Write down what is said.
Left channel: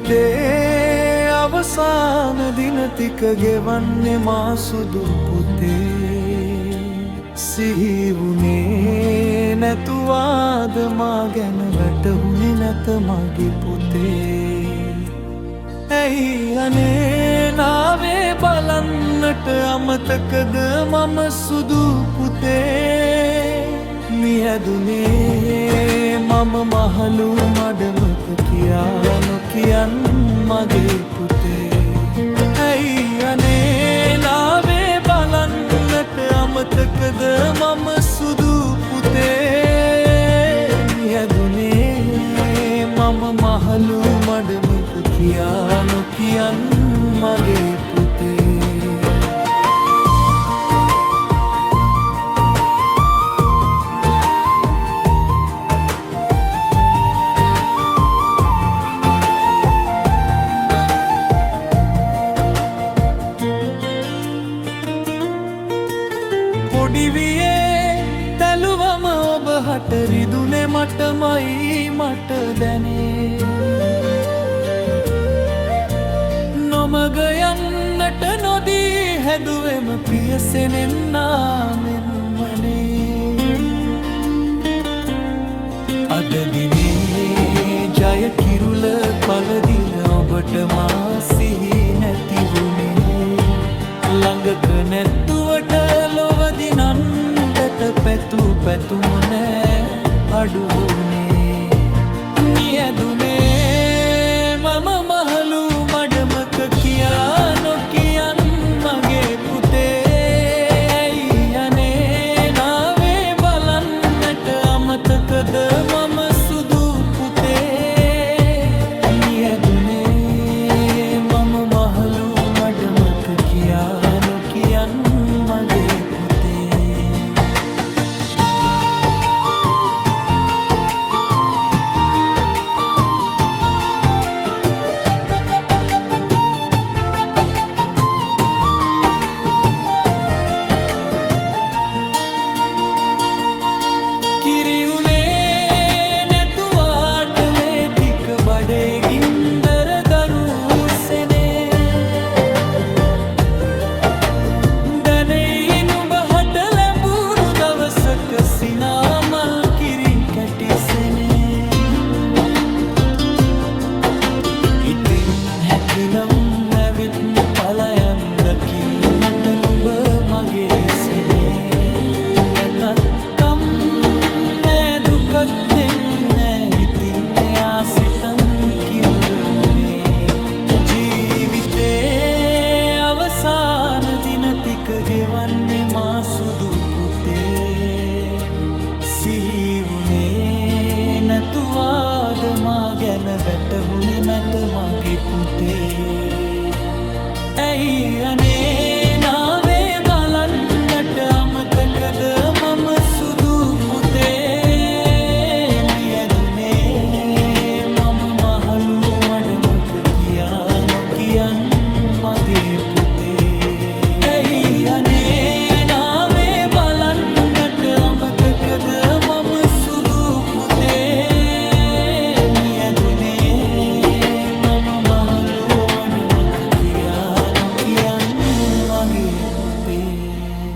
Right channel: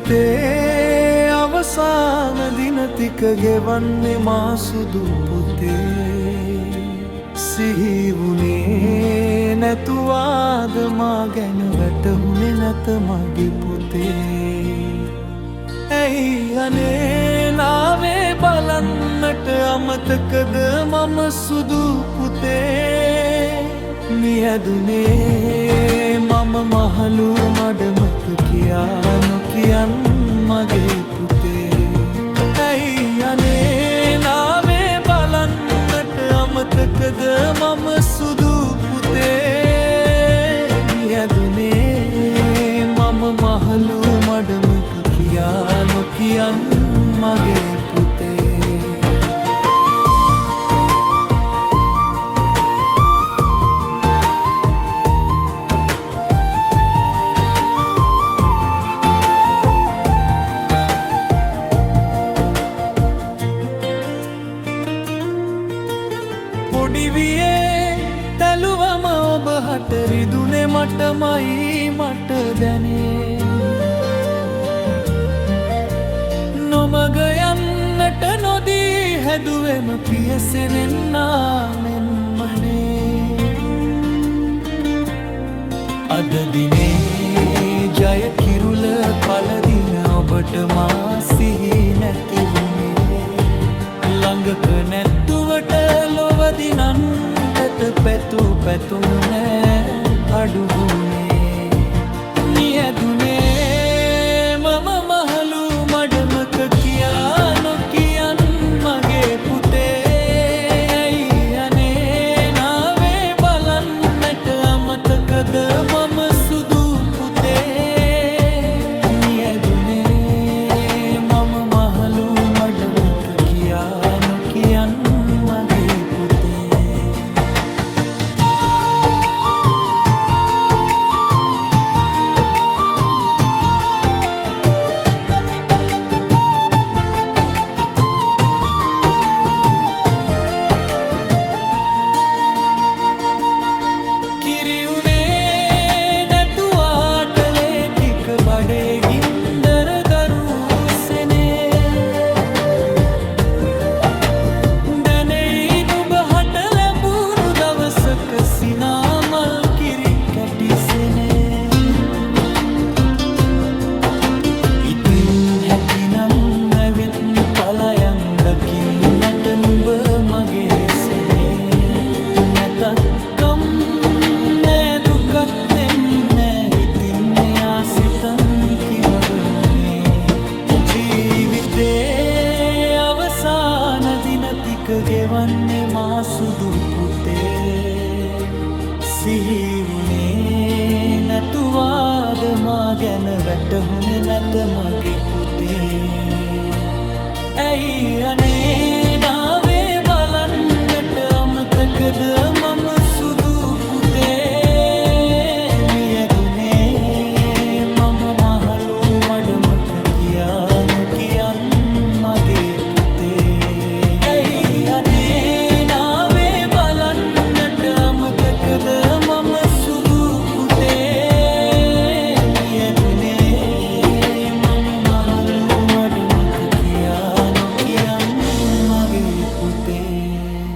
ජීවිතේ අවසාන දින ටික ගෙවන්නේ මා සුදු පුතේ. සිහි වුණේ නැතුවාද මා ගැන වැටහුනේ නැත මගේ පුතේ. ඇයි අනේ නාවේ බලන්නට අමතකද මම සුදු පුතේ. මියදුනේ මම මහලු මඩමක කියා නොකියන් මගේ පුතේ. ඇයි අනේ නාවේ බලන්නට අමතකද මම සුදු පුතේ. මියදුනේ මම මහලු මඩමක කියා නොකියන් මගේ පුතේ. පොඩිවියේ තැලුවම ඔබ හට රිදුනේ මටමයි මට දැනේ. නොමග යන්නට නොදී හැදුවෙම පියසෙනෙන්නා මෙන්මනේ. අද දිනේ ජය කිරුල පළදින ඔබට මා සිහි නැති වුණේ. ළඟක නැත්තුවට ලොවදිනන්ටට පැතු පැතුම නෑ අඩු වුණේ. මියදුනේ මම මහලු මඩමක කියා නොකියන් මගේ පුතේ. ඇයි අනේ නාවේ බලන්නට අමතකද මම සුදු පුතේ. මියදුනේ මම මහලු මඩමක කියා නොකියන් මගේ පුතේ. කිරියුනේ නැතුවාට ලේ ටික බඩේ ගින්දර දරුසෙනේ. දැනෙයි නුඹ හට ලැබුණු දවසක සිනාමල් කිරි කැටිසෙනේ. ඉතින් හැකිනම් ඇවිත් පලයන් දකින්නට නුඹ මගේ සෙනේ. නැතත්කම් දුකක් දෙන්නේ ඉතින් එයා සිතන් කිමවුනේ. ජීවිතේ අවසාන දින ටික ගෙවන්නේ මා සුදු පුතේ. සිහි වුණේ නැතුවාද මා ගැන වැටහුනේ නැත මගේ පුතේ. ඇයි අනේ නාවේ බලන්නට අමතකද මම සුදු පුතේ. මියදුනේ මම මහලු මඩමක කියා නොකියන් මගේ පුතේ. ඇයි අනේ නාවේ බලන්නට අමතකද මම සුදු පුතේ. මියදුනේ මම මහලු මඩමක කියා නොකියන් මගේ පුතේ.